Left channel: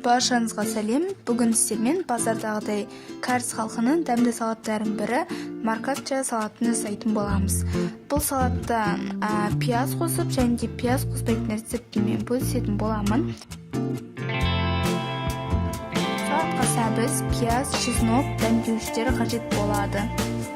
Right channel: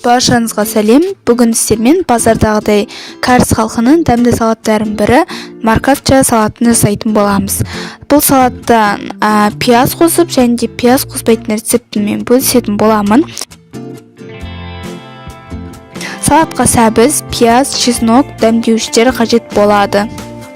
Баршаңызға сәлем. Бүгін сіздермен базардағыдай кәріс халқының дәмді салаттарының бірі маркатча салатын жасайтын боламыз. Бұл салаттан пияз қосып және де пияз қоспайтын рецептімен бөлісетін боламын. Салатқа сәбіз, пияз, чеснок, дәмдеуіштер қажет болады.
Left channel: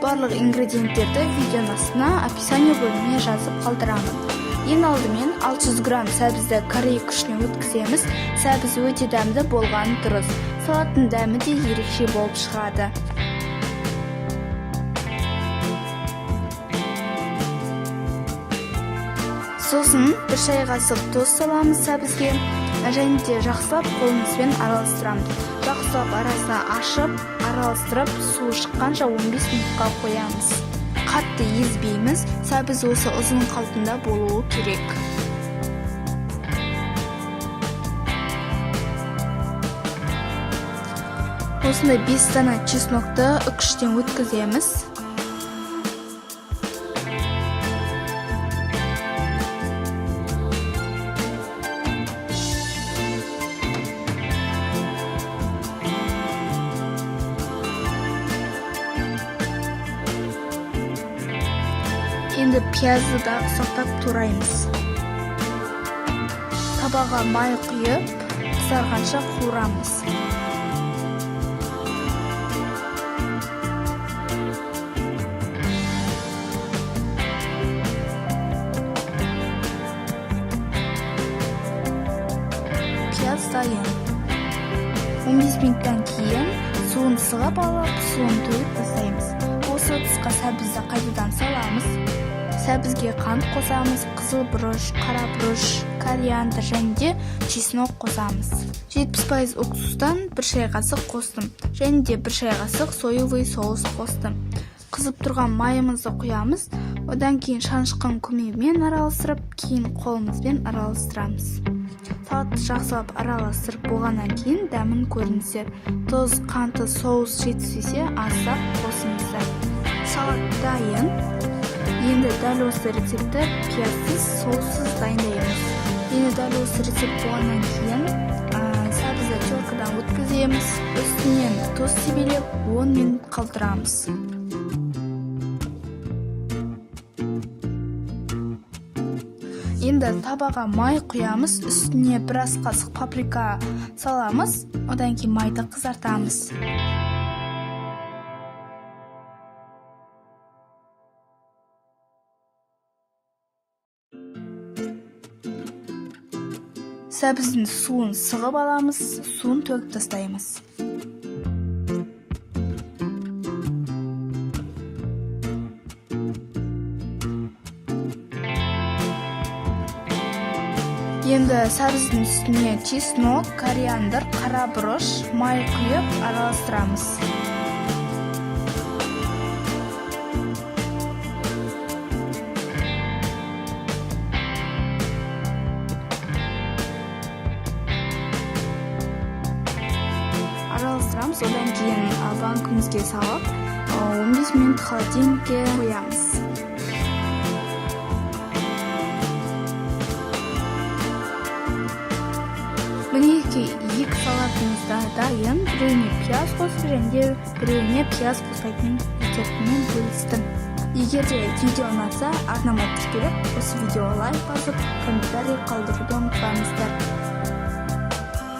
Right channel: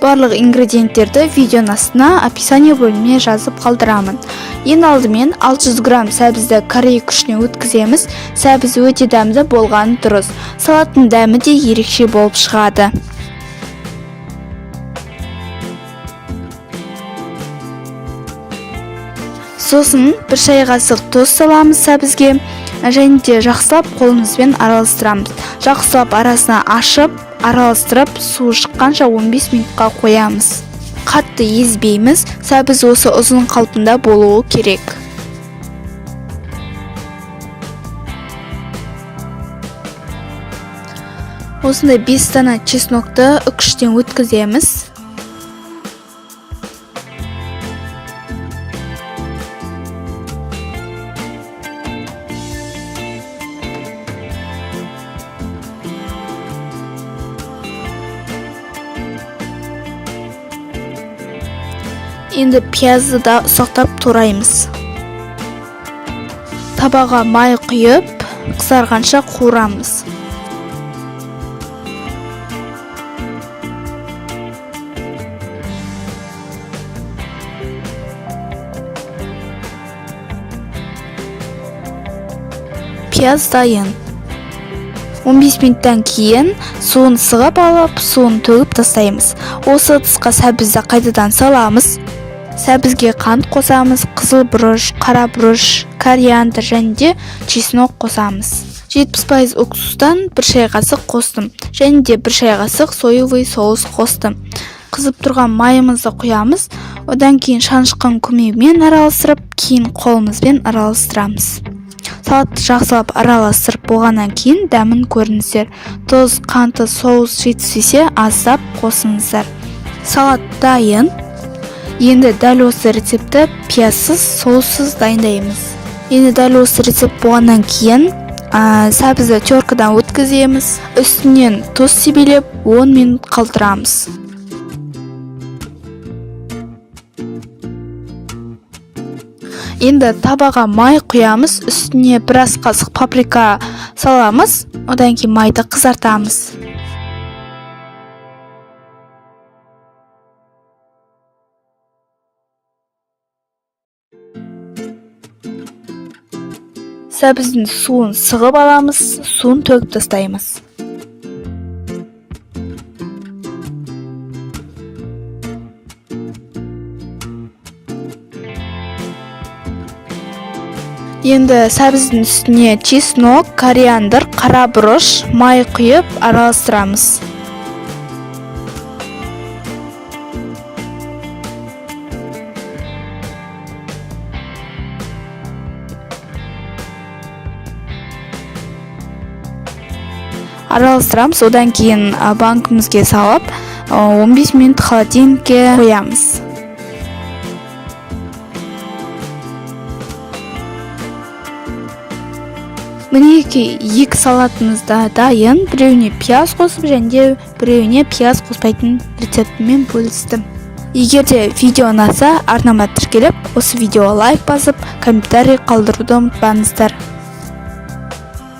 Барлық ингредиенттерді видеоның астына описание бөліміне жазып қалдырамын. Ең алдымен 600 грамм сәбізді корей күшіне өткіземіз. Сәбіз өте дәмді болғаны дұрыс. Салаттың дәмі де ерекше болып шығады. Сосын 1 шай қасық тұз саламыз сәбізге және де жақсылап қолымызбен араластырамыз. Жақсылап арасына ашып, араластырып, суы шыққанша 15 минутқа қоямыз. Қатты езбейміз, сәбіз осы ұзын қалпында болуы керек. Осында 5 дана чеснокты үкіштен өткіземіз. Енді пиязды да ұсақтап тураймыз. Табаға май құйып, қызарғанша қуырамыз. Пияз дайын. 15 минуттан кейін суын сығып алып, суын төгіп тастаймыз. Осы ыдысқа сәбізді қайтадан саламыз. Сәбізге қант қосамыз, қызыл бұрыш, қара бұрыш, кориандр және де чеснок қосамыз. 70% уксустан 1 шай қасық қостым және де 1 шай қасық соевый соус қостым. Қызып тұрған майымызды құямыз. Одан кейін шанышқан көмегімен араластырып, кейін қолымызбен араластырамыз. Салатты жақсылап араластырып болғаннан кейін дәмін көріңіздер. Тұз, қанты, соус жетіспесе аздап қосыңыздар. Салат дайын. Енді дәл осы рецепті пиязсыз, соуссыз дайындаймыз. Енді дәл осы рецепт болғаннан кейін сәбізді теркадан өткіземіз. Үстінен тұз себелеп 10 минут қалдырамыз. Енді табаға май құямыз, үстіне біраз қасық паприка саламыз, одан кейін майды қызартамыз. Сәбіздің суын сығып аламыз, суын төгіп тастаймыз. Енді сәбіздің үстіне чеснок, кориандр, қара бұрыш, май құйып араластырамыз. Араластырамыз, одан кейін банкімізге салып 15 минут холодильникке қоямыз. Мінеки екі салатымыз да дайын. Біреуіне пияз қосып және де біреуіне пияз қоспайтын рецептімен бөлістім. Егер де видео ұнаса, арнама тіркеліп, осы видеоға лайк басып, комментарий қалдыруды ұмытпаңыздар.